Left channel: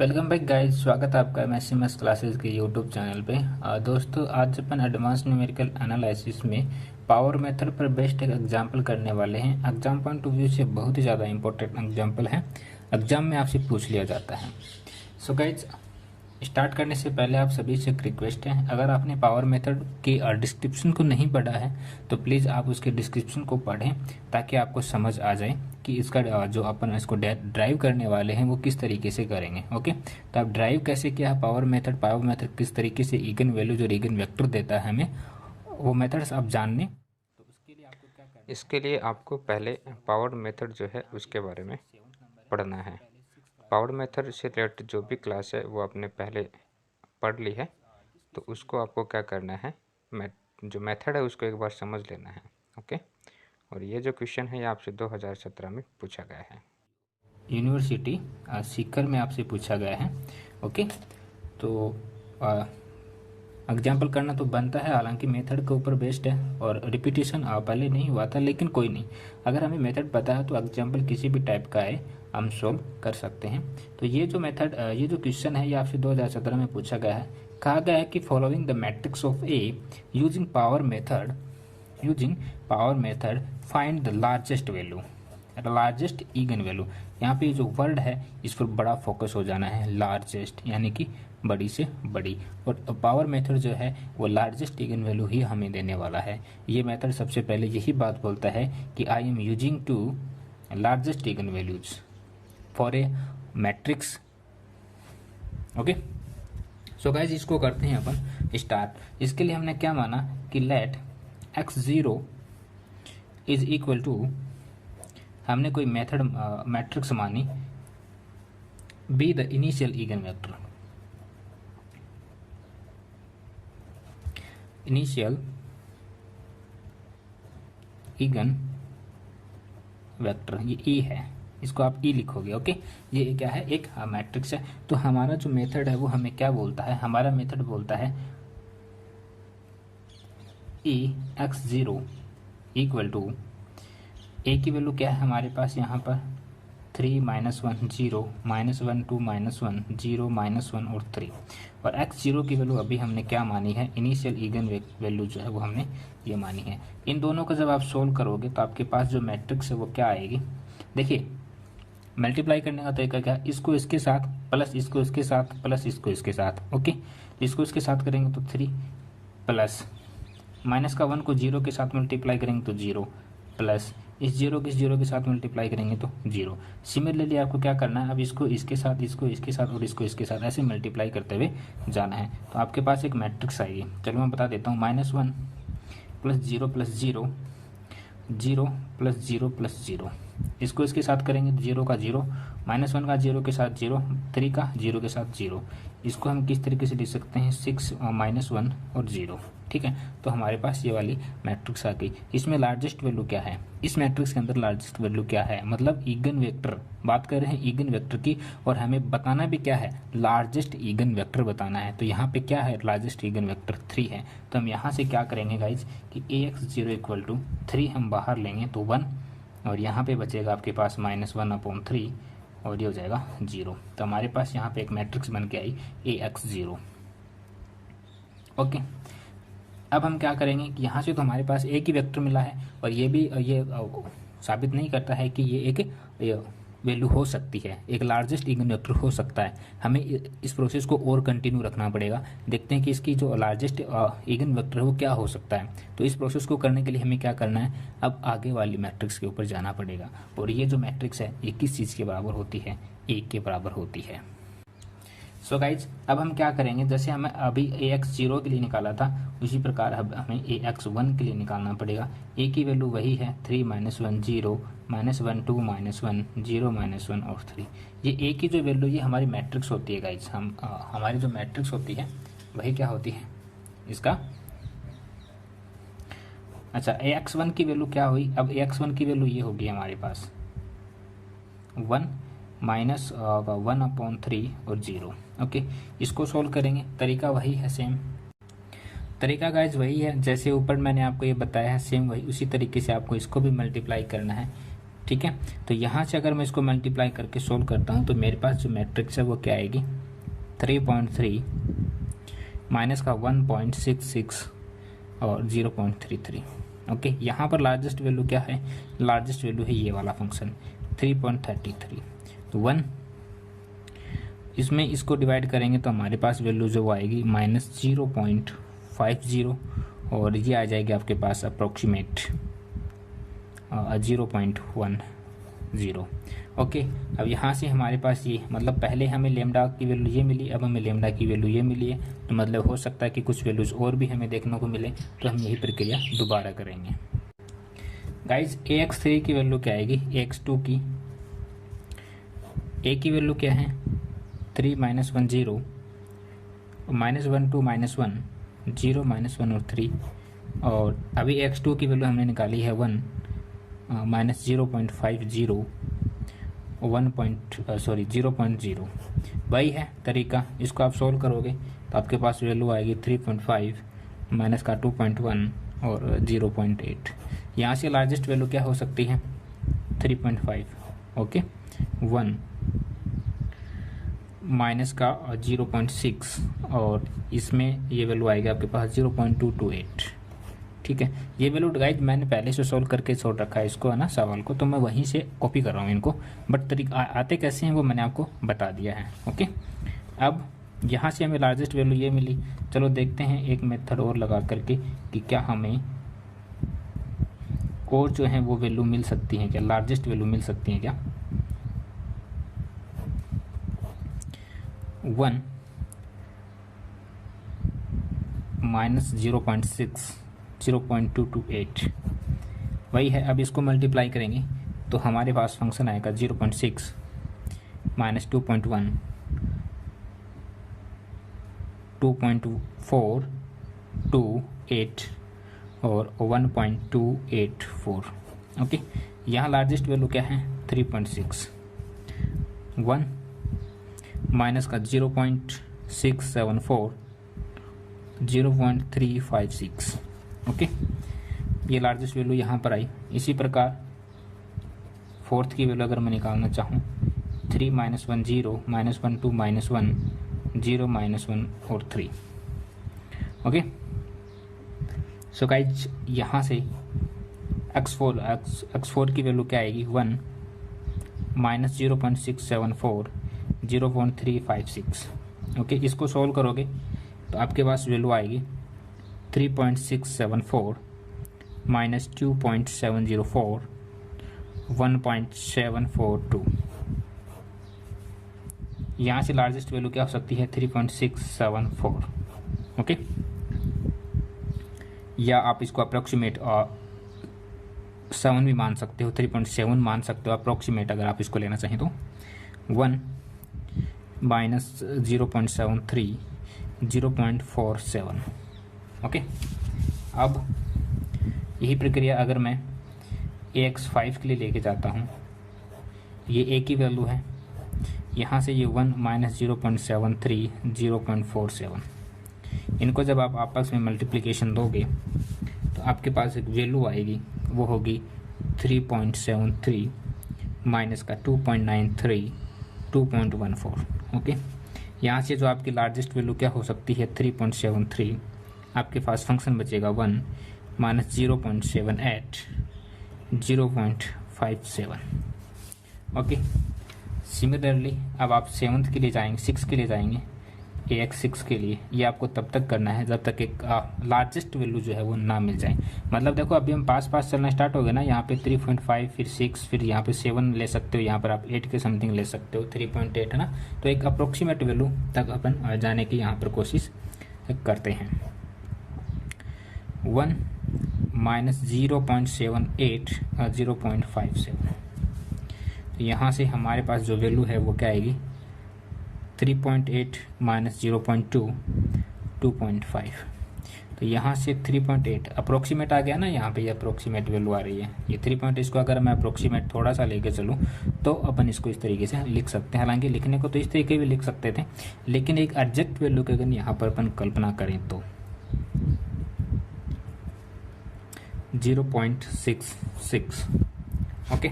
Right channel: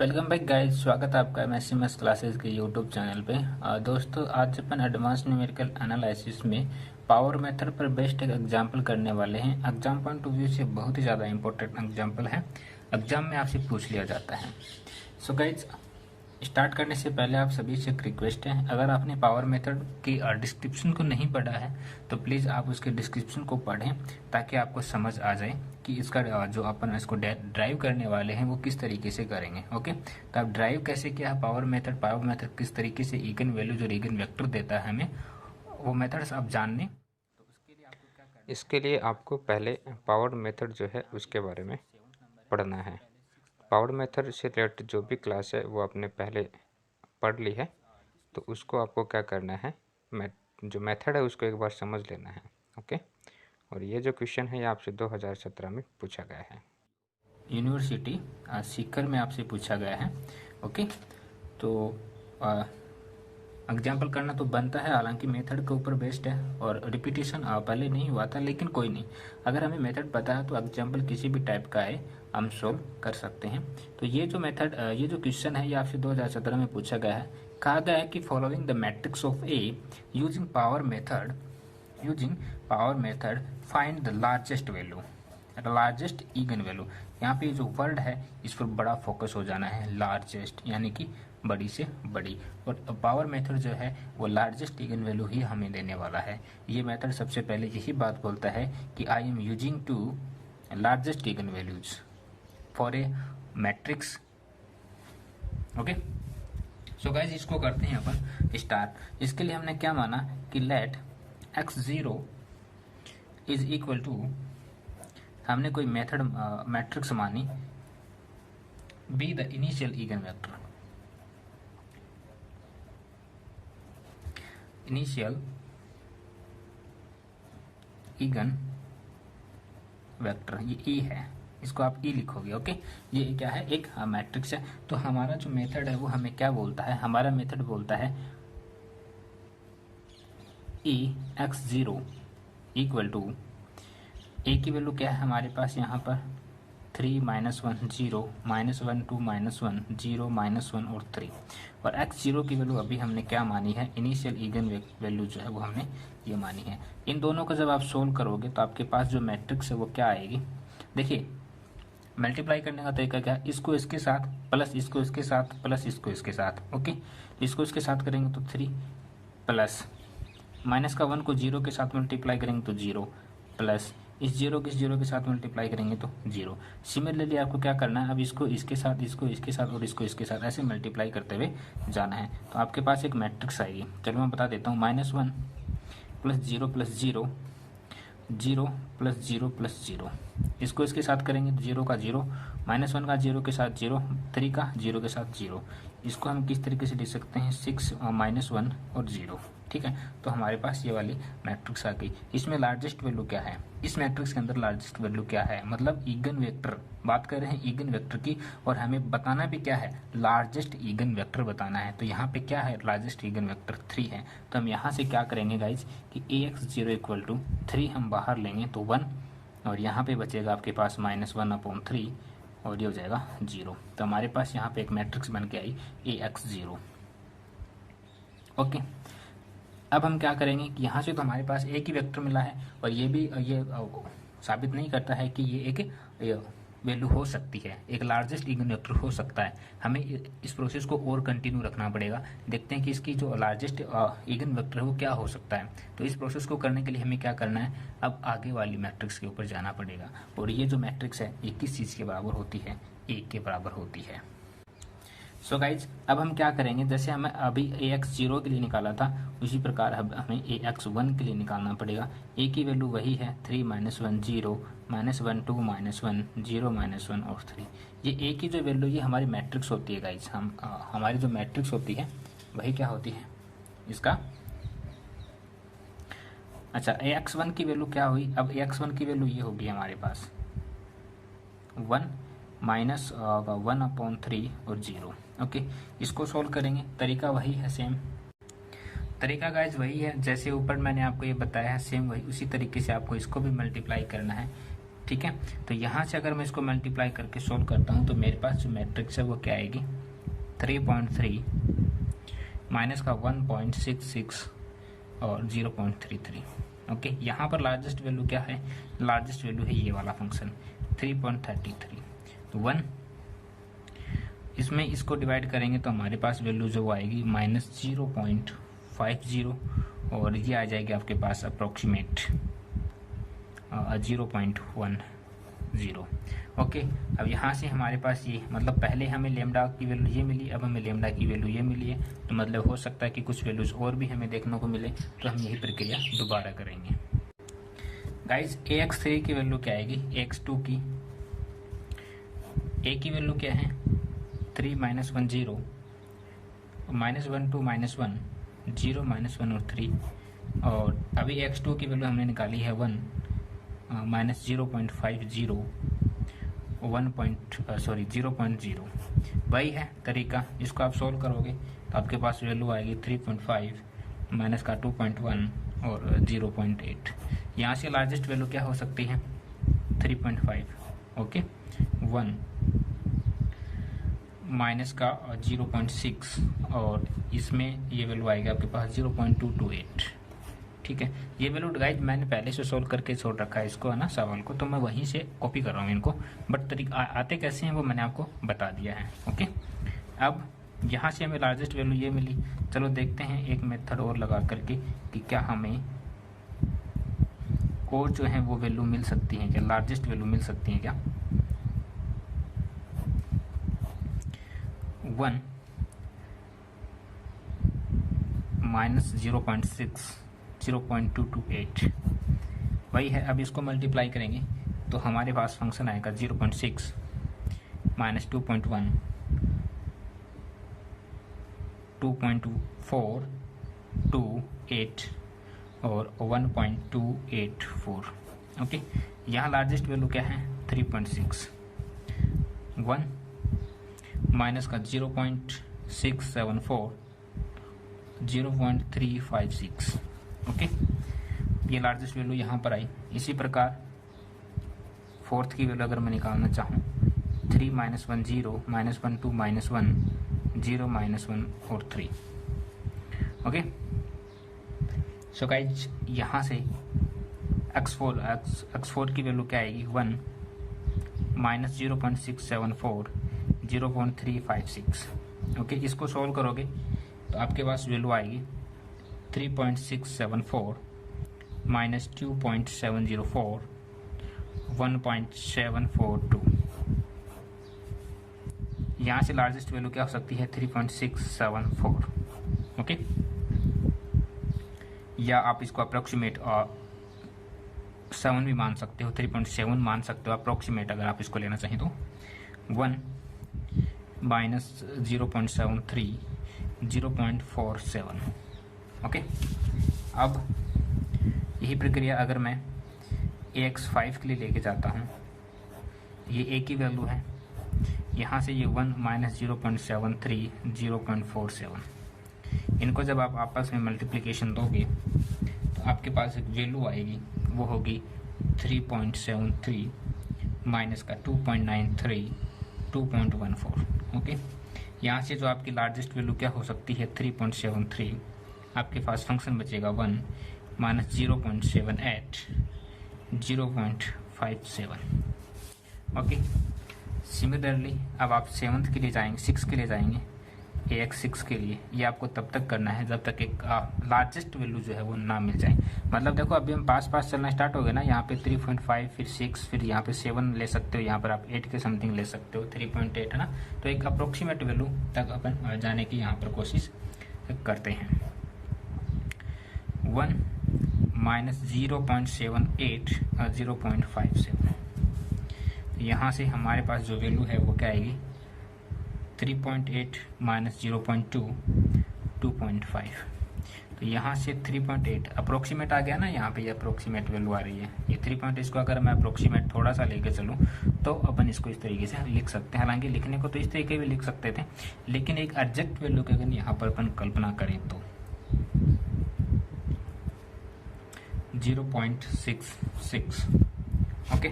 Welcome back guys, स्वागत है आपका मैथमेटिक्स क्लासेस के यूट्यूब चैनल पे। दोस्तों, आज अपन एडवांस न्यूमेरिकल एनालिसिस में पावर मेथड पर बेस्ड एक एग्जांपल करने वाले हैं। एग्जाम पॉइंट ऑफ व्यू से बहुत ही ज़्यादा इंपॉर्टेंट एग्जांपल है, एग्जाम में आपसे पूछ लिया जाता है। सो गाइज, स्टार्ट करने से पहले आप सभी से एक रिक्वेस्ट है, अगर आपने पावर मेथड की डिस्क्रिप्शन को नहीं पढ़ा है तो प्लीज़ आप उसके डिस्क्रिप्शन को पढ़ें ताकि आपको समझ आ जाए कि इसका जो अपन इसको ड्राइव करने वाले हैं वो किस तरीके से करेंगे। ओके, तो आप ड्राइव कैसे किया है पावर मेथड किस तरीके से इगन वैल्यू जो इगन वेक्टर देता है हमें, वो मेथड्स आप जानने। तो उसके लिए आपको क्या करना है, इसके लिए आपको पहले पावर मेथड जो है उसके बारे में पढ़ना है। पावर मेथड से रिलेटेड जो भी क्लास है वो आपने पहले पढ़ ली है, तो उसको आपको क्या करना है, जो मेथड है उसको एक बार समझ लेना है। ओके, और ये जो क्वेश्चन है ये आपसे 2017 में पूछा गया है। यूनिवर्सिटी सीकर में आपसे पूछा गया है। ओके, तो एग्जाम्पल करना तो बनता है, हालांकि मेथड के ऊपर बेस्ड है और रिपीटेशन पहले नहीं हुआ था, लेकिन कोई नहीं, अगर हमें मेथड पता है तो एग्जाम्पल किसी भी टाइप का है हम सोल्व कर सकते हैं। तो ये जो मेथड ये जो क्वेश्चन है ये आपसे 2017 में पूछा गया है। कहा गया है कि following the matrix of A using power method find the largest value, largest again value. यहाँ पे जो वर्ड है इस पर बड़ा फोकस हो जाना है, लार्जेस्ट यानी कि बड़ी से बड़ी, और पावर मेथड जो है वो लार्जेस्ट इगन वैल्यू ही हमें देने वाला है। ये मेथड सबसे पहले यही बात बोलता है कि I am using two largest eigen values for a matrix. Okay, so guys, इसको करते हैं अपन स्टार्ट। इसके लिए हमने क्या माना कि late x0 is equal to, हमने कोई मेथड मैट्रिक्स मानी, be the initial eigen vector, initial eigen vector ये ई है, इसको आप ई लिखोगे। ओके, ये क्या है, एक मैट्रिक्स है। तो हमारा जो मेथड है वो हमें क्या बोलता है, हमारा मेथड बोलता है ई x0 इक्वल टू, ए की वैल्यू क्या है हमारे पास यहाँ पर 3 -1 0 -1 2 -1 0 -1 और 3, और x0 की वैल्यू अभी हमने क्या मानी है, इनिशियल इगन वैल्यू जो है वो हमने ये मानी है। इन दोनों को जब आप सोल्व करोगे तो आपके पास जो मैट्रिक्स है वो क्या आएगी, देखिए मल्टीप्लाई करने का तरीका क्या है, इसको इसके साथ प्लस इसको इसके साथ प्लस इसको इसके साथ। ओके, तो इसको इसके साथ करेंगे तो 3 प्लस माइनस का 1 को 0 के साथ मल्टीप्लाई करेंगे तो 0 प्लस इस 0 के साथ मल्टीप्लाई करेंगे तो 0। सिमिलरली आपको क्या करना है, अब इसको इसके साथ, इसको इसके साथ और इसको इसके साथ ऐसे मल्टीप्लाई करते हुए जाना है, तो आपके पास एक मैट्रिक्स आएगी। चलो मैं बता देता हूँ, -1 प्लस 0 प्लस 0 0 प्लस 0 प्लस 0, इसको इसके साथ करेंगे तो 0 का 0, -1 का 0 के साथ 0, 3 का 0 के साथ 0। इसको हम किस तरीके से लिख सकते हैं, 6 -1 और 0। ठीक है, तो हमारे पास ये वाली मैट्रिक्स आ गई। इसमें लार्जेस्ट वैल्यू क्या है, इस मैट्रिक्स के अंदर लार्जेस्ट वैल्यू क्या है, मतलब ईगन वेक्टर, बात कर रहे हैं ईगन वेक्टर की, और हमें बताना भी क्या है, लार्जेस्ट ईगन वेक्टर बताना है। तो यहाँ पे क्या है, लार्जेस्ट ईगन वेक्टर 3 है। तो हम यहाँ से क्या करेंगे गाइज कि ax0 इक्वल टू 3 हम बाहर लेंगे तो 1, और यहाँ पे बचेगा आपके पास -1/3 और ये हो जाएगा 0। तो हमारे पास यहाँ पे एक मैट्रिक्स बन के आई ax0। ओके, अब हम क्या करेंगे कि यहाँ से तो हमारे पास एक ही वेक्टर मिला है, और ये भी ये साबित नहीं करता है कि ये एक वैल्यू हो सकती है, एक लार्जेस्ट इगन वेक्टर हो सकता है। हमें इस प्रोसेस को और कंटिन्यू रखना पड़ेगा, देखते हैं कि इसकी जो लार्जेस्ट इगन वेक्टर है वो क्या हो सकता है। तो इस प्रोसेस को करने के लिए हमें क्या करना है, अब आगे वाली मैट्रिक्स के ऊपर जाना पड़ेगा, और ये जो मैट्रिक्स है ये किस चीज़ के बराबर होती है, 1 के बराबर होती है। सो गाइज, अब हम क्या करेंगे, जैसे हमें अभी ax0 के लिए निकाला था उसी प्रकार अब हमें ax1 के लिए निकालना पड़ेगा। a की वैल्यू वही है 3 -1 0 -1 2 -1 0 -1 और 3। ये a की जो वैल्यू ये हमारी मैट्रिक्स होती है गाइज, हम हमारी जो मैट्रिक्स होती है वही क्या होती है इसका। अच्छा, ax1 की वैल्यू क्या हुई, अब ax1 की वैल्यू ये होगी हमारे पास 1 -1/3 और 0। ओके, इसको सोल्व करेंगे, तरीका वही है, सेम तरीका गाइज वही है, जैसे ऊपर मैंने आपको ये बताया है सेम वही उसी तरीके से आपको इसको भी मल्टीप्लाई करना है। ठीक है। तो यहाँ से अगर मैं इसको मल्टीप्लाई करके सोल्व करता हूँ तो मेरे पास जो मैट्रिक्स है वो क्या आएगी, 3.3 माइनस का 1.66 और 0.33। ओके, यहाँ पर लार्जेस्ट वैल्यू क्या है, लार्जेस्ट वैल्यू है ये वाला फंक्शन 3.33। तो 1 इसमें इसको डिवाइड करेंगे तो हमारे पास वैल्यू जो वो आएगी -0.50 और ये आ जाएगी आपके पास अप्रोक्सीमेट 0.10। ओके, अब यहाँ से हमारे पास ये मतलब पहले हमें लेमडा की वैल्यू ये मिली, अब हमें लेमडा की वैल्यू ये मिली है, तो मतलब हो सकता है कि कुछ वैल्यूज और भी हमें देखने को मिले, तो हम यही प्रक्रिया दोबारा करेंगे। गाइज ax3 की वैल्यू क्या आएगी, ax2 की a की वैल्यू क्या है 3 -1 0 -1 2 -1 0 -1 और 3, और अभी x2 की वैल्यू हमने निकाली है 1 -0.50 0.0 वही है तरीका। इसको आप सोल्व करोगे तो आपके पास वैल्यू आएगी 3.5 माइनस का 2.1 और 0.8। यहाँ से लार्जेस्ट वैल्यू क्या हो सकती है 3.5। ओके, 1 माइनस का 0.6 और इसमें ये वैल्यू आएगी आपके पास 0.228। ठीक है, ये वैल्यू गाइस मैंने पहले से सोल्व करके छोड़ रखा है इसको, है ना, सवाल को, तो मैं वहीं से कॉपी कर रहा हूँ इनको, बट तरीका आते कैसे हैं वो मैंने आपको बता दिया है। ओके, अब यहाँ से हमें लार्जेस्ट वैल्यू ये मिली, चलो देखते हैं एक मेथड और लगा करके कि क्या हमें और जो है वो वैल्यू मिल सकती है क्या, लार्जेस्ट वैल्यू मिल सकती है क्या। 1 माइनस 0.6 0.228 वही है। अब इसको मल्टीप्लाई करेंगे तो हमारे पास फंक्शन आएगा 0.6 माइनस 2.1 2.428 और 1.284। ओके, यहाँ लार्जेस्ट वैल्यू क्या है 3.6। 1 माइनस का 0.674 0.356। ओके, ये लार्जेस्ट वैल्यू यहाँ पर आई। इसी प्रकार फोर्थ की वैल्यू अगर मैं निकालना चाहूँ 3 -1 0 -1 2 -1 0 -1 और 3। ओके, सो गाइज यहाँ से x4 की वैल्यू क्या आएगी 1 माइनस 0.674 0.356। ओके, इसको सोल्व करोगे तो आपके पास वैल्यू आएगी 3.674 माइनस 2.704 1.742। यहाँ से लार्जेस्ट वैल्यू क्या हो सकती है 3.674। ओके, या आप इसको अप्रोक्सीमेट 7 भी मान सकते हो, 3.7 मान सकते हो अप्रोक्सीमेट अगर आप इसको लेना चाहें तो। 1 माइनस 0.73 0.47। ओके, अब यही प्रक्रिया अगर मैं ax5 के लिए लेके जाता हूँ, ये a की वैल्यू है, यहाँ से ये 1 माइनस 0.73 0.47, इनको जब आप आपस में मल्टीप्लिकेशन दोगे तो आपके पास एक वैल्यू आएगी, वो होगी 3.73 माइनस का 2.93 2.14। ओके, यहाँ से जो आपकी लार्जेस्ट वैल्यू क्या हो सकती है 3.73, आपके पास फंक्शन बचेगा 1 माइनस 0.78 0.57। ओके, सिमिलरली अब आप 7th के लिए जाएंगे, 6 के लिए जाएंगे, ax6 के लिए ये आपको तब तक करना है जब तक एक लार्जेस्ट वैल्यू जो है वो ना मिल जाए। मतलब देखो अभी हम पास चलना स्टार्ट हो गए ना, यहाँ पे 3.5 फिर 6 फिर यहाँ पे 7 ले सकते हो, यहाँ पर आप 8 के समथिंग ले सकते हो, 3.8 है ना, तो एक अप्रोक्सीमेट वैल्यू तक अपन जाने की यहाँ पर कोशिश करते हैं। 1 माइनस 0.78 0.57, यहाँ से हमारे पास जो वैल्यू है वो क्या आएगी 3.8 माइनस 0.2 2.5। तो यहाँ से 3.8 अप्रोक्सीमेट आ गया ना, यहाँ पे ये अप्रोक्सीमेट वैल्यू आ रही है, ये 3. इसको अगर मैं अप्रोक्सीमेट थोड़ा सा लेके चलूँ तो अपन इसको इस तरीके से लिख सकते हैं। हालांकि लिखने को तो इस तरीके भी लिख सकते थे, लेकिन एक एग्जैक्ट वैल्यू की अगर यहाँ पर अपन कल्पना करें तो 0.66। ओके,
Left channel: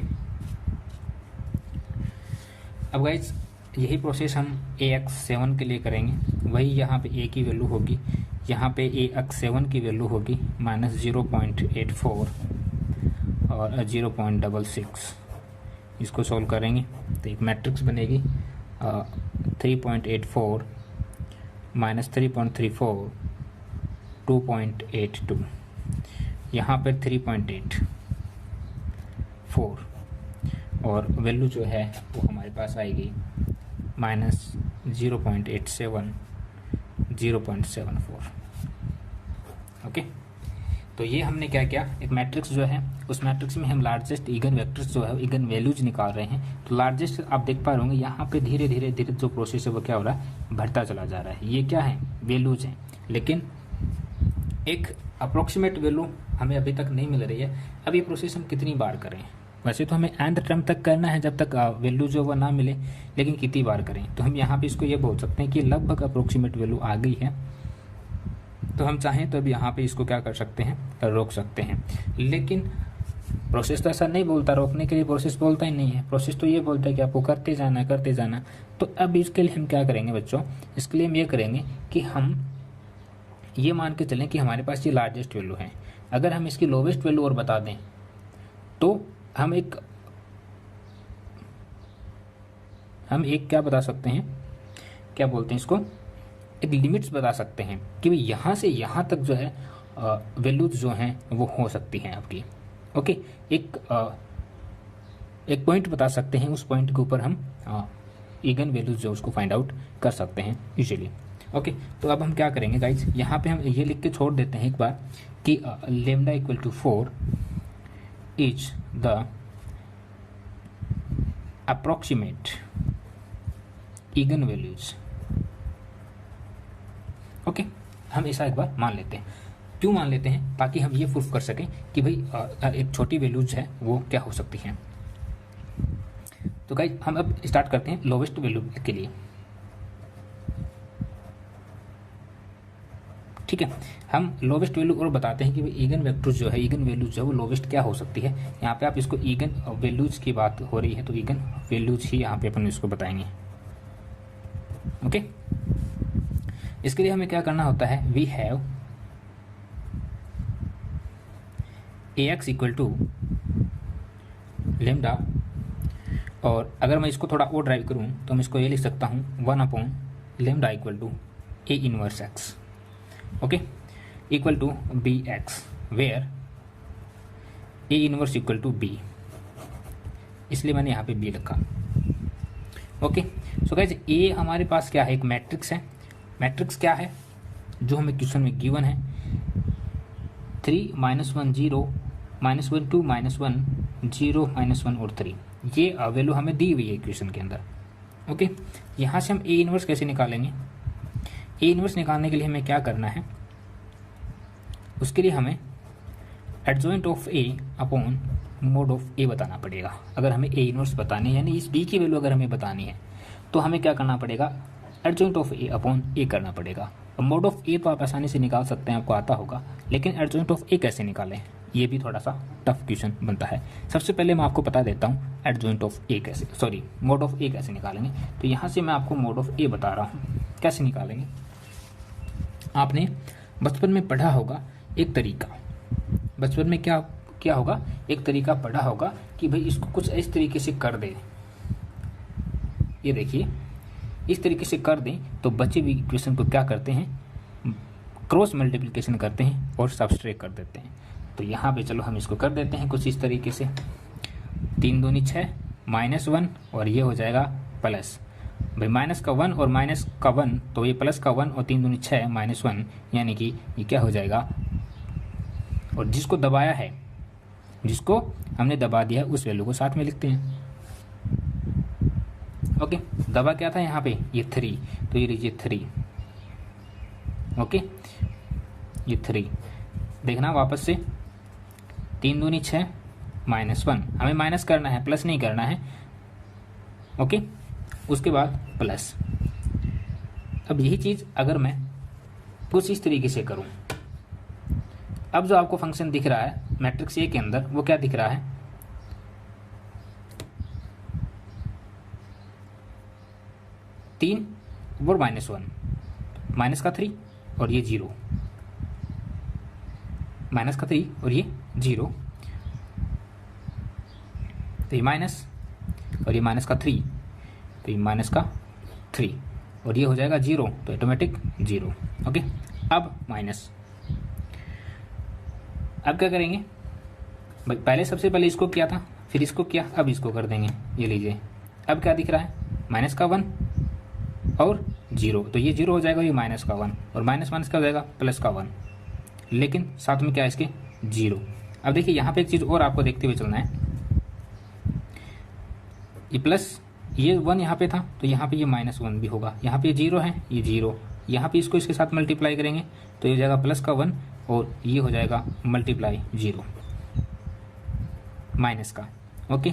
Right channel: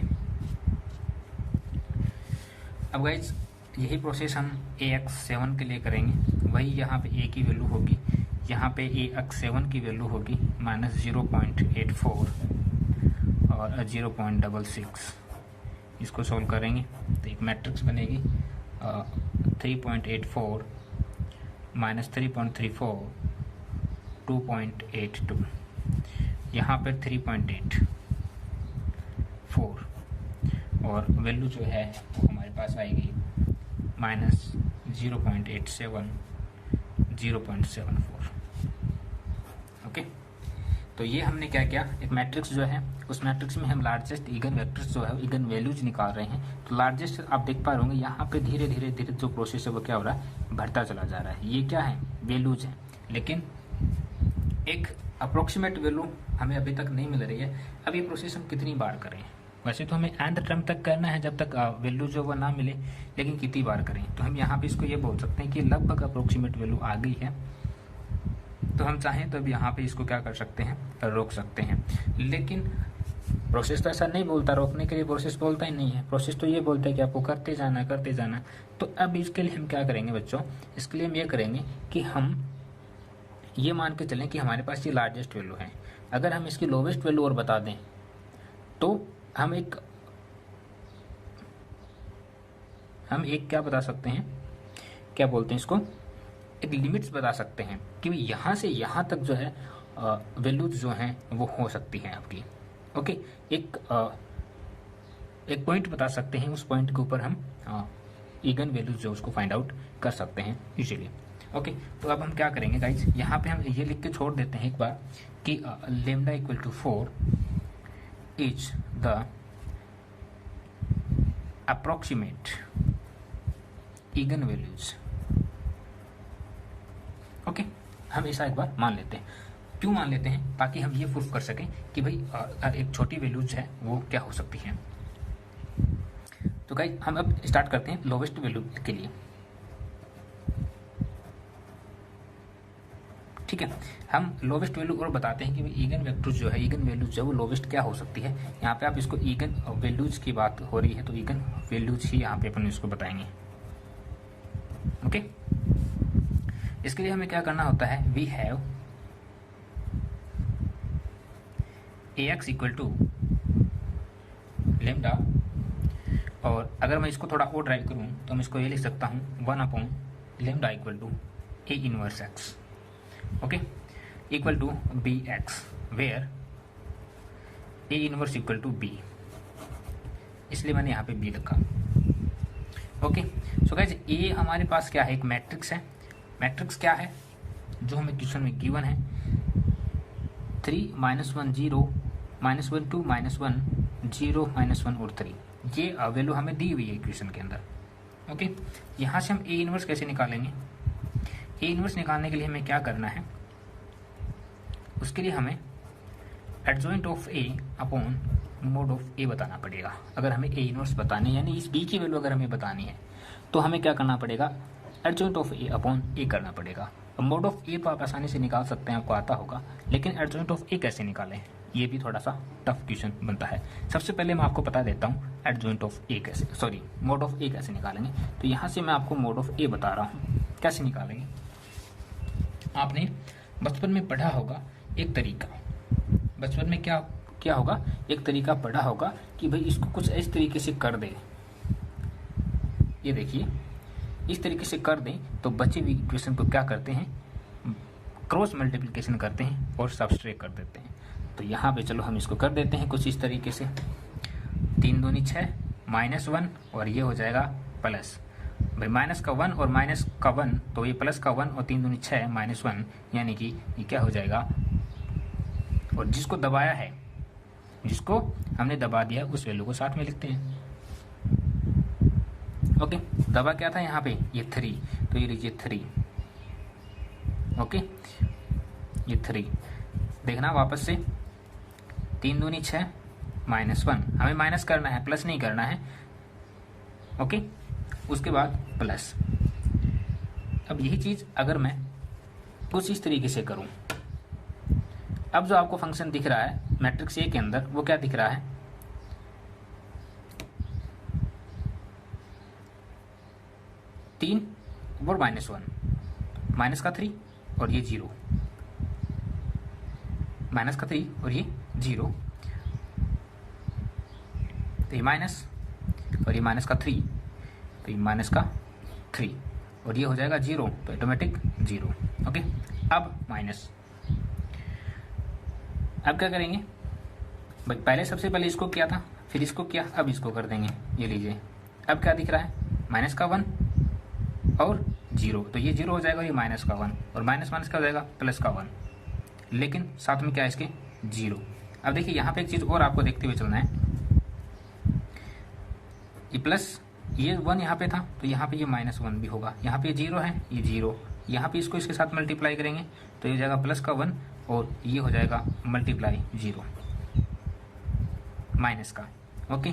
अब गाइज यही प्रोसेस हम AX7 के लिए करेंगे। वही यहाँ पे A की वैल्यू होगी, यहाँ पे AX7 की वैल्यू होगी -0.84 और 0.66। इसको सॉल्व करेंगे तो एक मैट्रिक्स बनेगी 3.84 -3.34 2.82, यहाँ पर 3.84 और वैल्यू जो है वो हमारे पास आएगी -0.87 0.74। ओके, तो ये हमने क्या किया, एक मैट्रिक्स जो है उस मैट्रिक्स में हम लार्जेस्ट इगन वेक्टर्स जो है इगन वैल्यूज निकाल रहे हैं। तो लार्जेस्ट आप देख पा रहे होंगे यहाँ पे धीरे धीरे धीरे जो प्रोसेस है वो क्या हो रहा है, बढ़ता चला जा रहा है। ये क्या है, वैल्यूज है, लेकिन एक अप्रोक्सीमेट वैल्यू हमें अभी तक नहीं मिल रही है। अब ये प्रोसेस हम कितनी बार करें, वैसे तो हमें एंड टर्म तक करना है जब तक वैल्यू जो वो ना मिले, लेकिन कितनी बार करें। तो हम यहाँ पे इसको ये बोल सकते हैं कि लगभग अप्रोक्सीमेट वैल्यू आ गई है, तो हम चाहें तो अब यहाँ पे इसको क्या कर सकते हैं, रोक सकते हैं। लेकिन प्रोसेस तो ऐसा नहीं बोलता, रोकने के लिए प्रोसेस बोलता ही नहीं है। प्रोसेस तो ये बोलता है कि आपको करते जाना करते जाना। तो अब इसके लिए हम क्या करेंगे बच्चों, इसके लिए हम ये करेंगे कि हम ये मान के चलें कि हमारे पास ये लार्जेस्ट वैल्यू है। अगर हम इसकी लोवेस्ट वैल्यू और बता दें तो हम एक क्या बता सकते हैं, क्या बोलते हैं इसको, एक लिमिट्स बता सकते हैं कि यहाँ से यहाँ तक जो है वैल्यूज जो हैं वो हो सकती हैं आपकी। ओके, एक पॉइंट बता सकते हैं, उस पॉइंट के ऊपर हम इगन वैल्यूज जो उसको फाइंड आउट कर सकते हैं यूजुअली। ओके, तो अब हम क्या करेंगे गाइज, यहाँ पे हम ये लिख के छोड़ देते हैं एक बार कि lambda equal to 4 is the approximate eigen values. Okay, हम ऐसा एक बार मान लेते हैं। क्यों मान लेते हैं, ताकि हम ये प्रूफ कर सकें कि भाई एक छोटी वैल्यूज है वो क्या हो सकती है। तो गाइस हम अब स्टार्ट करते हैं लोवेस्ट वैल्यू के लिए। ठीक है, हम लोवेस्ट वैल्यू और बताते हैं कि भाई इगन वेक्टर जो है, इगन वैल्यूज जो है वो लोवेस्ट क्या हो सकती है। यहाँ पे आप इसको इगन वैल्यूज की बात हो रही है तो इगन वैल्यूज ही यहाँ पे अपन इसको बताएंगे। ओके, इसके लिए हमें क्या करना होता है, we have AX equal to lambda, और अगर मैं इसको थोड़ा और ड्राइव करूं तो मैं इसको ये लिख सकता हूं 1 upon lambda equal to A inverse X। Okay, equal to BX where A inverse equal to B, इसलिए मैंने यहाँ पे B लिखा। ओके, सो गाइस ये हमारे पास क्या है, एक मैट्रिक्स है। मैट्रिक्स क्या है जो हमें क्वेश्चन में गिवन है, 3 -1 0 -1 2 -1 0 -1 और 3, ये वैल्यू हमें दी हुई है क्वेश्चन के अंदर। ओके, यहाँ से हम A इनवर्स कैसे निकालेंगे, A इनवर्स निकालने के लिए हमें क्या करना है, उसके लिए हमें adjoint of A upon mode of A बताना पड़ेगा। अगर हमें A इनवर्स बतानी है, यानी इस B की वैल्यू अगर हमें बतानी है, तो हमें क्या करना पड़ेगा, adjoint of A upon A करना पड़ेगा। मोड ऑफ A तो आप आसानी से निकाल सकते हैं, आपको आता होगा, लेकिन एडजॉइंट ऑफ A कैसे निकालें, ये भी थोड़ा सा टफ क्वेश्चन बनता है। सबसे पहले मैं आपको बता देता हूँ एडजॉइंट ऑफ A कैसे, सॉरी मोड ऑफ A कैसे निकालेंगे। तो यहाँ से मैं आपको मोड ऑफ A बता रहा हूँ कैसे निकालेंगे। आपने बचपन में पढ़ा होगा एक तरीका, बचपन में क्या होगा, एक तरीका पढ़ा होगा कि भाई इसको कुछ इस तरीके से कर दे। ये देखिए, इस तरीके से कर दें तो बचे हुए इक्वेशन को क्या करते हैं, क्रॉस मल्टीप्लिकेशन करते हैं और सबट्रैक्ट कर देते हैं। तो यहाँ पे चलो हम इसको कर देते हैं कुछ इस तरीके से, 3 दूनी 6 -1 और ये हो जाएगा प्लस, भाई माइनस का 1 और माइनस का 1, तो ये प्लस का 1 और 3 दूनी 6 -1, यानी कि ये क्या हो जाएगा, और जिसको दबाया है, जिसको हमने दबा दिया है उस वैल्यू को साथ में लिखते हैं। ओके, दबा क्या था यहाँ पे, ये 3, तो ये लीजिए 3। ओके, ये 3 देखना वापस से, 3 दूनी 6 -1, हमें माइनस करना है, प्लस नहीं करना है। ओके, उसके बाद प्लस। अब यही चीज अगर मैं कुछ इस तरीके से करूं, अब जो आपको फंक्शन दिख रहा है मैट्रिक्स A के अंदर, वो क्या दिख रहा है, 3 और -1, माइनस का 3 और ये 0, माइनस का 3 और ये 0, तो ये माइनस और ये माइनस का 3, तो ये माइनस का 3 और ये हो जाएगा 0, तो ऑटोमेटिक 0। ओके, अब माइनस, अब क्या करेंगे भाई, पहले सबसे पहले इसको किया था, फिर इसको किया, अब इसको कर देंगे। ये लीजिए, अब क्या दिख रहा है, माइनस का 1 और 0, तो ये 0 हो जाएगा, ये माइनस का 1 और माइनस माइनस क्या हो जाएगा, प्लस का 1, लेकिन साथ में क्या है इसके 0। अब देखिए यहाँ पे एक चीज़ और आपको देखते हुए चलना है, ये प्लस, ये 1 यहाँ पे था, तो यहाँ पे ये -1 भी होगा, यहाँ पे 0 है, ये 0, यहाँ पे इसको इसके साथ मल्टीप्लाई करेंगे तो ये हो जाएगा प्लस का 1 और ये हो जाएगा मल्टीप्लाई 0 माइनस का। ओके,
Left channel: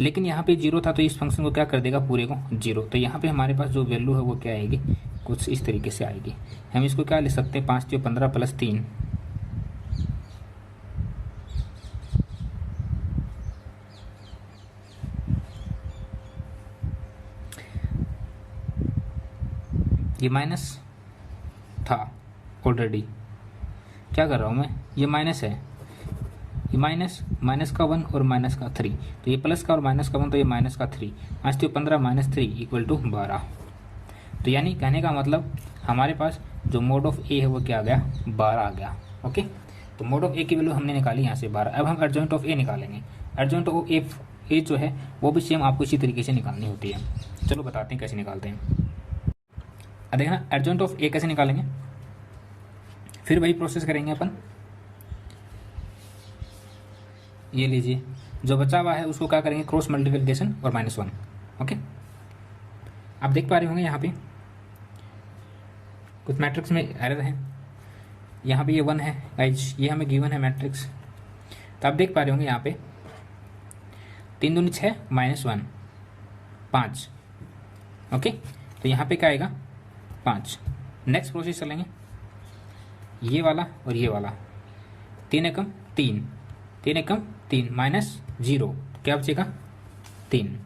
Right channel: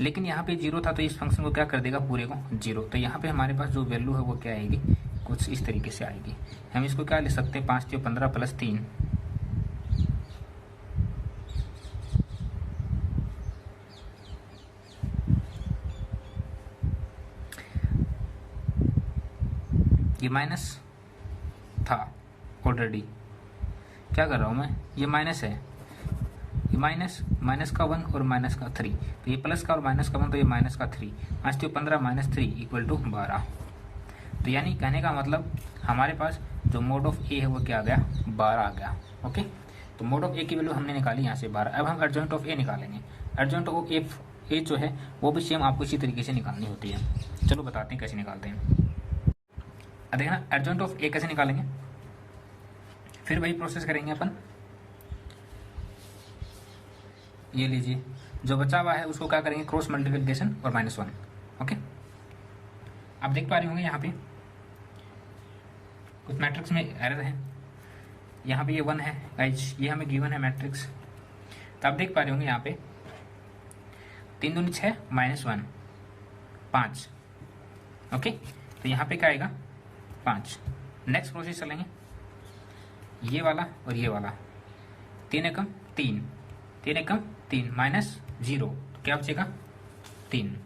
लेकिन यहाँ पे 0 था, तो इस फंक्शन को क्या कर देगा, पूरे को 0, तो यहाँ पे हमारे पास जो वैल्यू है वो क्या आएगी, कुछ इस तरीके से आएगी। हम इसको क्या लिख सकते हैं, 5 × 15 + 3, ये माइनस था ऑलरेडी, क्या कर रहा हूँ मैं, ये माइनस है, ये माइनस का 1 और माइनस का 3, तो ये प्लस का और माइनस का 1, तो ये माइनस का 3, 5 × 15 - 3 = 12। तो यानी कहने का मतलब हमारे पास जो मोड ऑफ ए है वो क्या आ गया, 12 आ गया। ओके, तो मोड ऑफ ए की वैल्यू हमने निकाली यहाँ से 12। अब हम एडजॉइंट ऑफ ए निकालेंगे। एडजॉइंट ऑफ ए जो है वो भी सेम आपको इसी तरीके से निकालनी होती है। चलो बताते हैं कैसे निकालते हैं। अब देखना, एडजॉइंट ऑफ ए कैसे निकालेंगे, फिर वही प्रोसेस करेंगे अपन। ये लीजिए, जो बचा हुआ है उसको क्या करेंगे, क्रॉस मल्टीप्लिकेशन और -1। ओके, आप देख पा रहे होंगे यहाँ पे कुछ मैट्रिक्स में एरर है, यहाँ पे ये 1 है गाइस, ये हमें गिवन है मैट्रिक्स, तो आप देख पा रहे होंगे यहाँ पे 3 दूनी 6 -1 5। ओके, तो यहाँ पे क्या आएगा 5। नेक्स्ट प्रोसेस चलेंगे, ये वाला और ये वाला, 3 एकम 3, 3 एकम 3 -0, क्या बचेगा 3।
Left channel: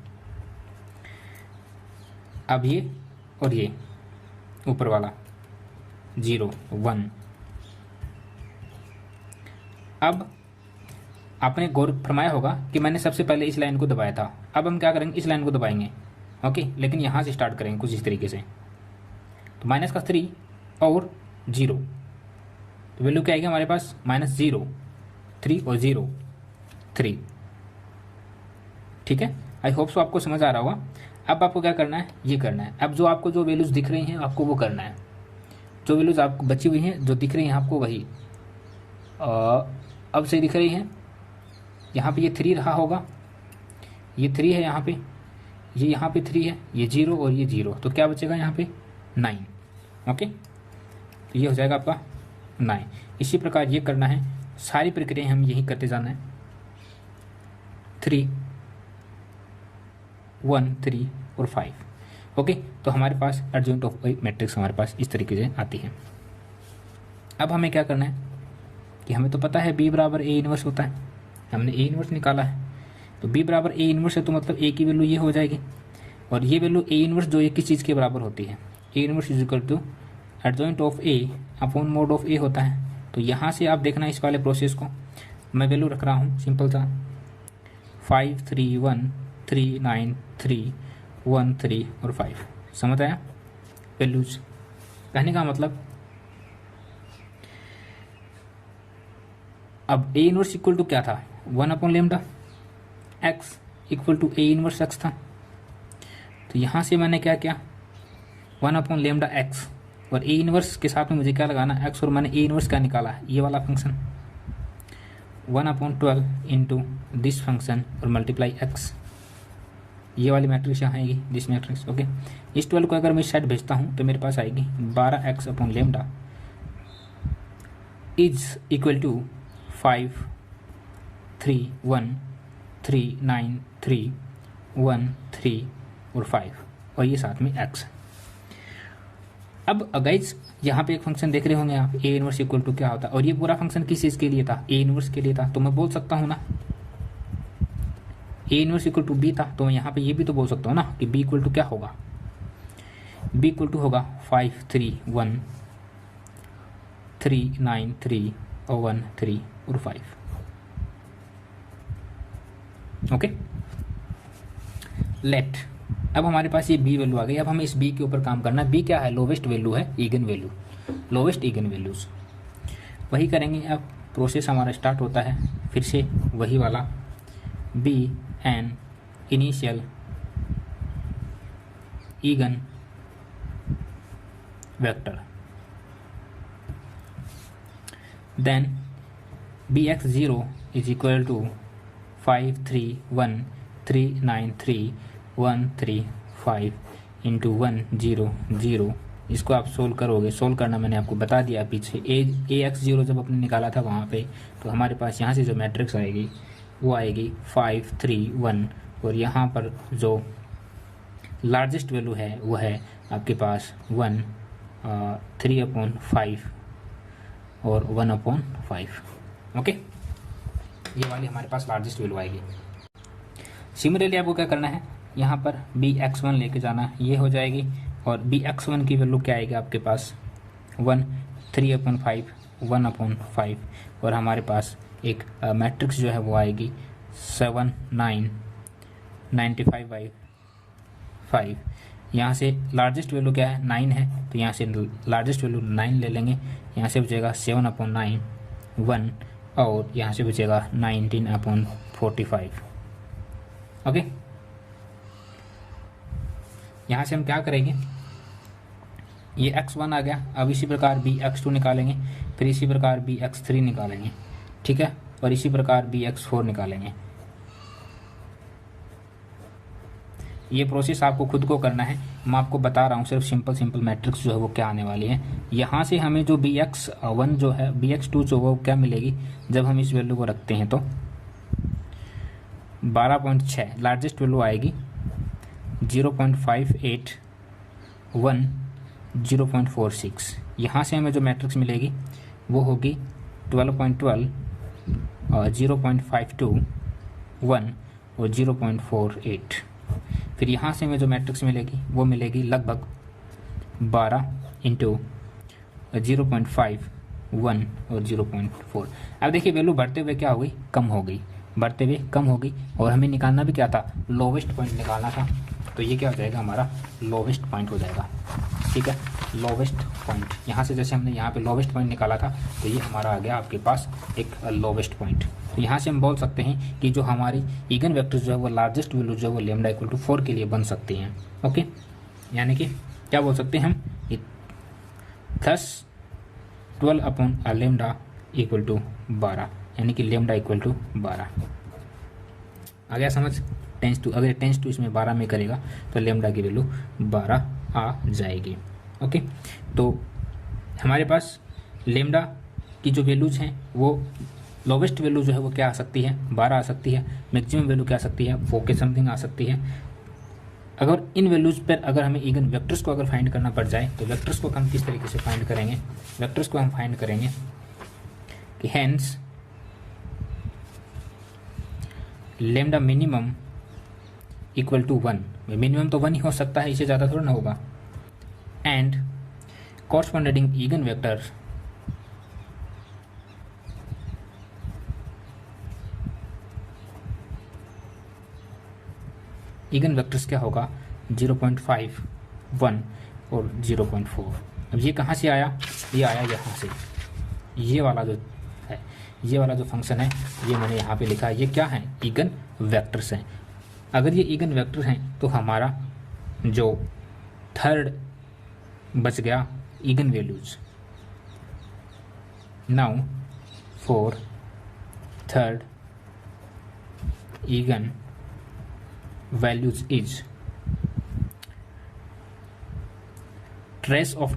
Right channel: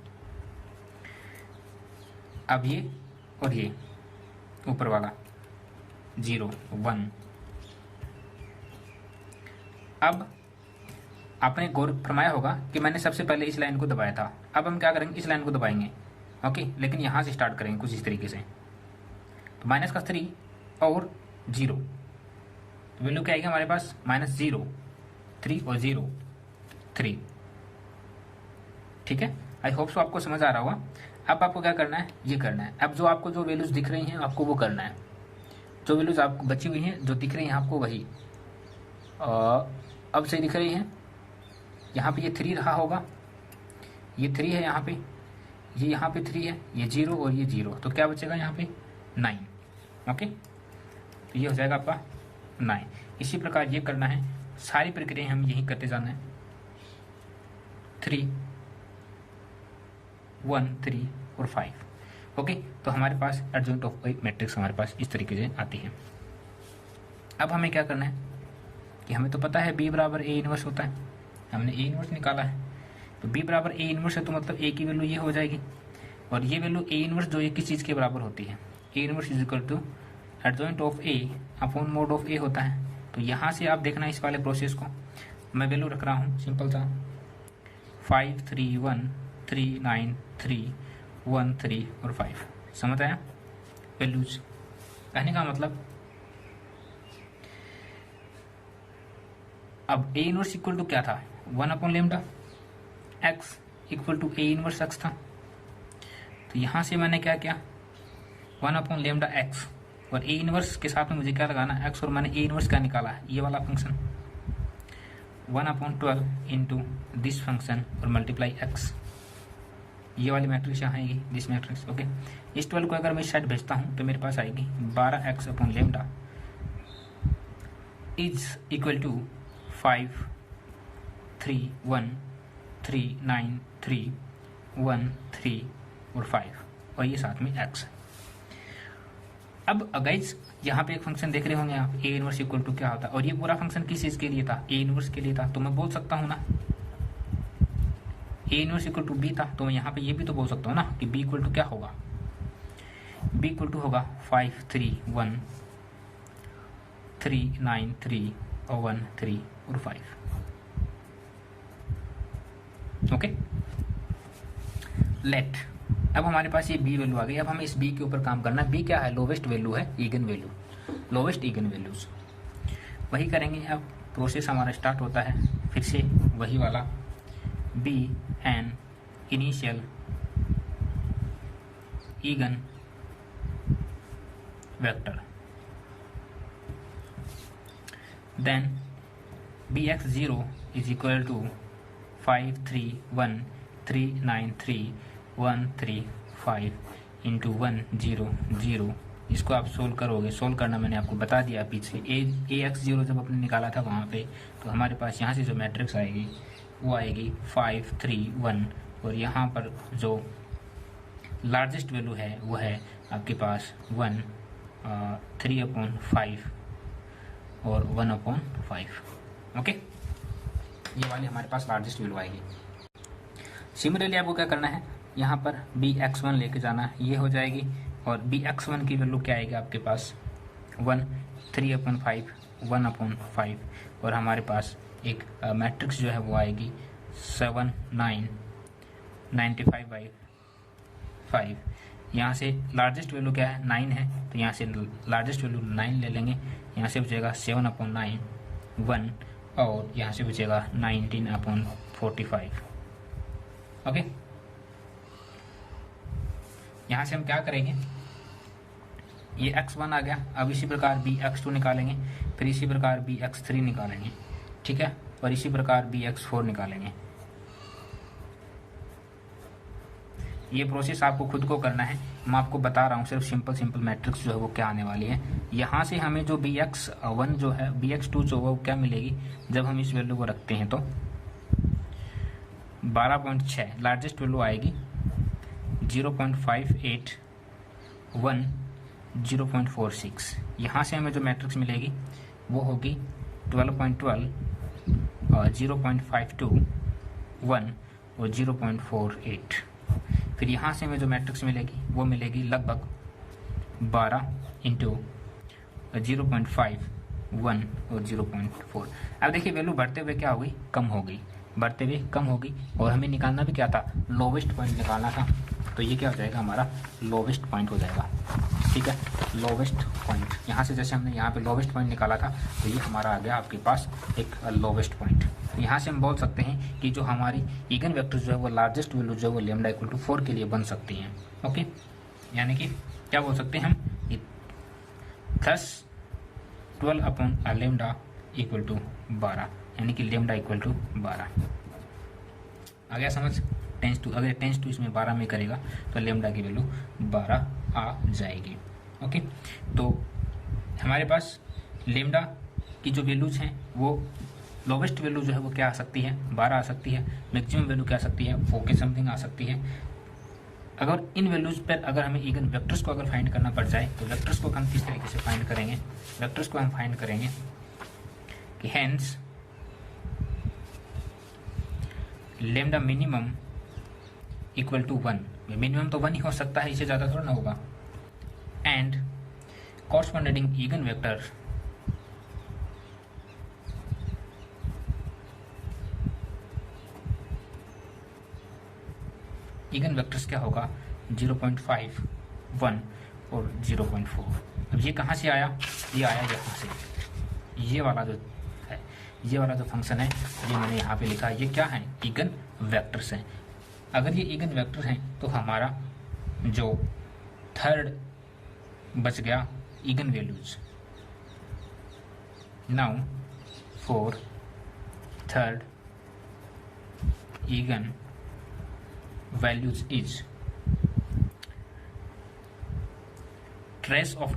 अब ये और ये ऊपर वाला 0 1। अब आपने गौर फरमाया होगा कि मैंने सबसे पहले इस लाइन को दबाया था, अब हम क्या करेंगे, इस लाइन को दबाएंगे। ओके, लेकिन यहाँ से स्टार्ट करेंगे कुछ इस तरीके से, तो माइनस का 3 और 0, तो वैल्यू क्या आएगी हमारे पास, -0 3 और 0 3। ठीक है, आई होप सो आपको समझ आ रहा होगा। अब आपको क्या करना है, ये करना है। अब जो आपको जो वैल्यूज दिख रही हैं आपको वो करना है, जो वैल्यूज आपको बची हुई हैं जो दिख रही हैं आपको वही अब सही दिख रही हैं। यहाँ पे ये 3 रहा होगा, ये 3 है यहाँ पे, ये यहाँ पे 3 है, ये 0 और ये 0, तो क्या बचेगा यहाँ पे 9। ओके, तो ये हो जाएगा आपका 9। इसी प्रकार ये करना है, सारी प्रक्रिया हम यही करते जाना है। 3 1 3 और 5। ओके, तो हमारे पास एडजॉइंट ऑफ ए मैट्रिक्स हमारे पास इस तरीके से आती है। अब हमें क्या करना है कि हमें तो पता है B = A इनवर्स होता है, हमने A इनवर्स निकाला है, तो B = A इनवर्स है, तो मतलब A की वैल्यू ये हो जाएगी, और ये वैल्यू A इनवर्स जो एक किस चीज़ के बराबर होती है, A inverse = adjoint of A upon mode of A होता है। तो यहाँ से आप देखना इस वाले प्रोसेस को, मैं वैल्यू रख रहा हूँ सिंपल सा 5 3 1 3 9 3 1 3 और 5। समझ आया वैल्यूज, कहने का मतलब अब A इनवर्स इक्वल टू क्या था, 1/λ x = A इनवर्स x था, तो यहाँ से मैंने क्या किया 1/λ x, और A इनवर्स के साथ में मुझे क्या लगाना x, और मैंने A इनवर्स क्या निकाला है, ये वाला फंक्शन 1/12 इंटू दिस फंक्शन और मल्टीप्लाई x, ये वाली मैट्रिक्स यहाँ आएगी दिस मैट्रिक्स। ओके, इस 12 को अगर मैं साइड भेजता हूँ तो मेरे पास आएगी 12x/λ इज इक्वल टू 5 3 1 3 9 3 1 3 और 5, और ये साथ में x। अब गाइस यहाँ पे एक फंक्शन देख रहे होंगे आप, A इनवर्स इक्वल टू क्या होता है, और ये पूरा फंक्शन किस चीज़ के लिए था, A इनवर्स के लिए था, तो मैं बोल सकता हूँ ना A inverse equal to B था, तो मैं यहाँ पे ये भी तो बोल सकता हूँ ना कि B इक्वल टू क्या होगा, बी इक्वल टू होगा 5 3 1 3 9 3 और 1 3 और 5। ओके, लेट, अब हमारे पास ये बी वैल्यू आ गई। अब हमें इस बी के ऊपर काम करना है। बी क्या है? लोवेस्ट वैल्यू है, again value, lowest again values. वही करेंगे। अब प्रोसेस हमारा स्टार्ट होता है फिर से वही वाला, B N initial eigen vector, then B X 0 is equal to 5 3 1 3 9 3 1 3 5 into 1 0 0। इसको आप सोल्व करोगे, सोल्व करना मैंने आपको बता दिया पीछे। ए एक्स 0 जब आपने निकाला था वहाँ पे, तो हमारे पास यहाँ से जो मैट्रिक्स आएगी वो आएगी 5 3 1, और यहाँ पर जो लार्जेस्ट वैल्यू है वो है आपके पास 1 3/5 और 1/5। ओके, ये वाली हमारे पास लार्जेस्ट वैल्यू आएगी। सिमिलरली आपको क्या करना है, यहाँ पर बी एक्स 1 लेके जाना है, ये हो जाएगी। और बी एक्स 1 की वैल्यू क्या आएगी आपके पास 1 3/5 1/5, और हमारे पास एक मैट्रिक्स जो है वो आएगी 7 9 95/5। यहाँ से लार्जेस्ट वैल्यू क्या है 9 है, तो यहाँ से लार्जेस्ट वैल्यू 9 ले लेंगे। यहाँ से बचेगा 7/9 1, और यहाँ से बचेगा 19/45। ओके, यहाँ से हम क्या करेंगे, ये x1 आ गया। अब इसी प्रकार बी x2 निकालेंगे, फिर इसी प्रकार बी x3 निकालेंगे, ठीक है, और इसी प्रकार बी x4 निकालेंगे। ये प्रोसेस आपको खुद को करना है, मैं आपको बता रहा हूँ सिर्फ सिंपल मैट्रिक्स जो है वो क्या आने वाली है। यहाँ से हमें जो बी x1 जो है, बी x2 जो वो क्या मिलेगी जब हम इस वैल्यू को रखते हैं, तो 12.6 लार्जेस्ट वैल्यू आएगी, 0.58 1 0.46। यहाँ से हमें जो मैट्रिक्स मिलेगी वो होगी 12.12 0.52 1 और 0.48। फिर यहाँ से हमें जो मैट्रिक्स मिलेगी वो मिलेगी लगभग 12 इंटू 0.5 1 और 0.4। अब देखिए वैल्यू बढ़ते हुए क्या हो गई, कम हो गई, बढ़ते हुए कम हो गई, और हमें निकालना भी क्या था, लोवेस्ट पॉइंट निकालना था। तो ये क्या हो जाएगा, हमारा लोवेस्ट पॉइंट हो जाएगा, ठीक है, लोवेस्ट पॉइंट। यहाँ से जैसे हमने यहाँ पे लोवेस्ट पॉइंट निकाला था, तो ये हमारा आ गया आपके पास एक लोवेस्ट पॉइंट। तो यहाँ से हम बोल सकते हैं कि जो हमारी ईगन वेक्टर्स जो है वो लार्जेस्ट वैल्यू जो है वो लैम्डा इक्वल टू 4 के लिए बन सकती हैं। ओके, यानी कि क्या बोल सकते हैं हम, 12 लैम्डा इक्वल टू 12, यानी कि लैम्डा इक्वल टू 12। आ गया समझ? अगर टेंस टू इसमें 12 में करेगा तो लैम्डा की वैल्यू 12 आ जाएगी। ओके, तो हमारे पास लैम्डा की जो वैल्यूज हैं वो लोवेस्ट वैल्यू जो है वो क्या आ सकती है, 12 आ सकती है। मैक्सिमम वैल्यू क्या आ सकती है, 4 के समथिंग आ सकती है। अगर इन वैल्यूज पर अगर हमें ईगन वेक्टर्स को अगर फाइंड करना पड़ जाए, तो वेक्टर्स को हम किस तरीके से फाइंड करेंगे, वेक्टर्स को हम फाइंड करेंगे कि hence lambda minimum equal to 1, minimum तो 1 ही हो सकता है, इससे ज़्यादा थोड़ा ना होगा, and corresponding again vectors again vectors क्या होगा 0.5 1 और 0.4। अब ये कहाँ से आया, ये आया यहाँ से, ये वाला जो है, ये वाला जो फंक्शन है ये मैंने यहाँ पे लिखा, ये क्या है, ईगन वेक्टर्स हैं। अगर ये ईगन वेक्टर हैं तो हमारा जो थर्ड बच गया again values. Now for third again values is trace of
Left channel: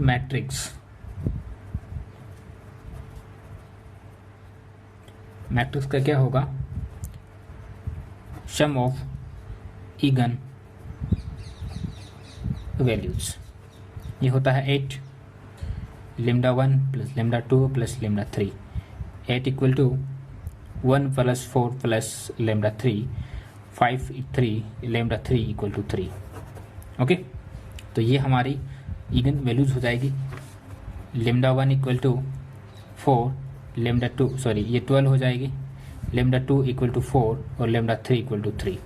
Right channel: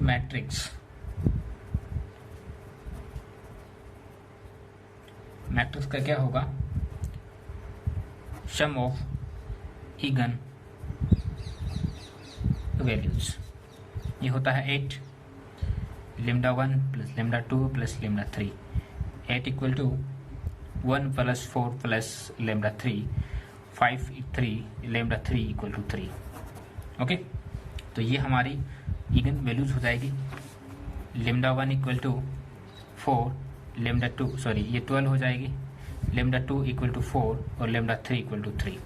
matrix का क्या होगा, sum of eigen values। ये होता है 8 lambda 1 plus lambda 2 plus lambda 3, 8 equal to 1 plus 4 plus lambda 3 5 3 lambda 3 equal to 3। Okay, तो ये हमारी इगन वैल्यूज हो जाएगी। Lambda 1 equal to 4, lambda 2 sorry ये 12 हो जाएगी, लेमडा 2 इक्वल टू 4 और लेमडा 3 इक्वल टू 3।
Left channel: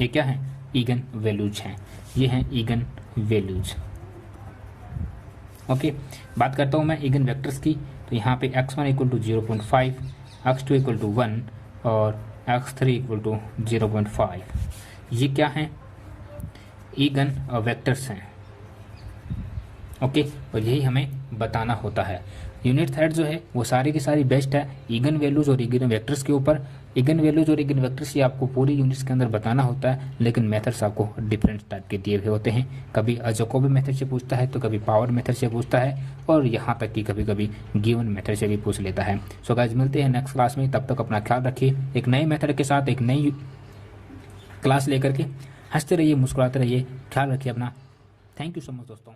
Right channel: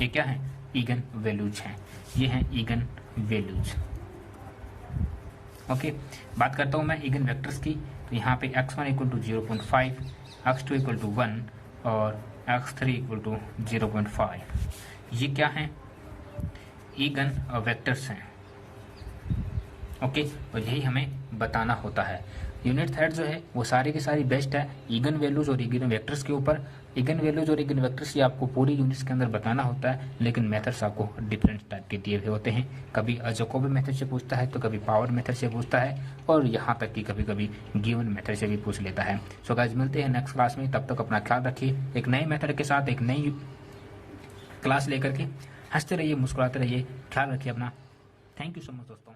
ये क्या है? इगन वैल्यूज हैं। ये हैं इगन वैल्यूज। ओके, बात करता हूँ मैं इगन वेक्टर्स की। तो यहाँ पे x1 equal to 0.5, x2 equal to 1 और x3 इक्वल टू 0.5। ये क्या हैं? इगन वेक्टर्स हैं। ओके, और यही हमें बताना होता है। यूनिट थर्ड जो है वो सारी की सारी बेस्ट है इगन वैल्यूज और इगन वेक्टर्स के ऊपर। इगन वैल्यूज और इगन वेक्टर्स ये आपको पूरी यूनिट्स के अंदर बताना होता है, लेकिन मेथड्स आपको डिफरेंट टाइप के दिए हुए होते हैं। कभी जैकोबी मेथड से पूछता है, तो कभी पावर मेथड से पूछता है, और यहाँ तक कि कभी कभी गिवन मेथड से भी पूछ लेता है। सो गाइस, मिलते हैं नेक्स्ट क्लास में। तब तक अपना ख्याल रखिए। एक नए मेथड के साथ एक नई क्लास लेकर के हंसते रहिए, मुस्कुराते रहिए। ख्याल रखिए अपना। थैंक यू सो मच दोस्तों।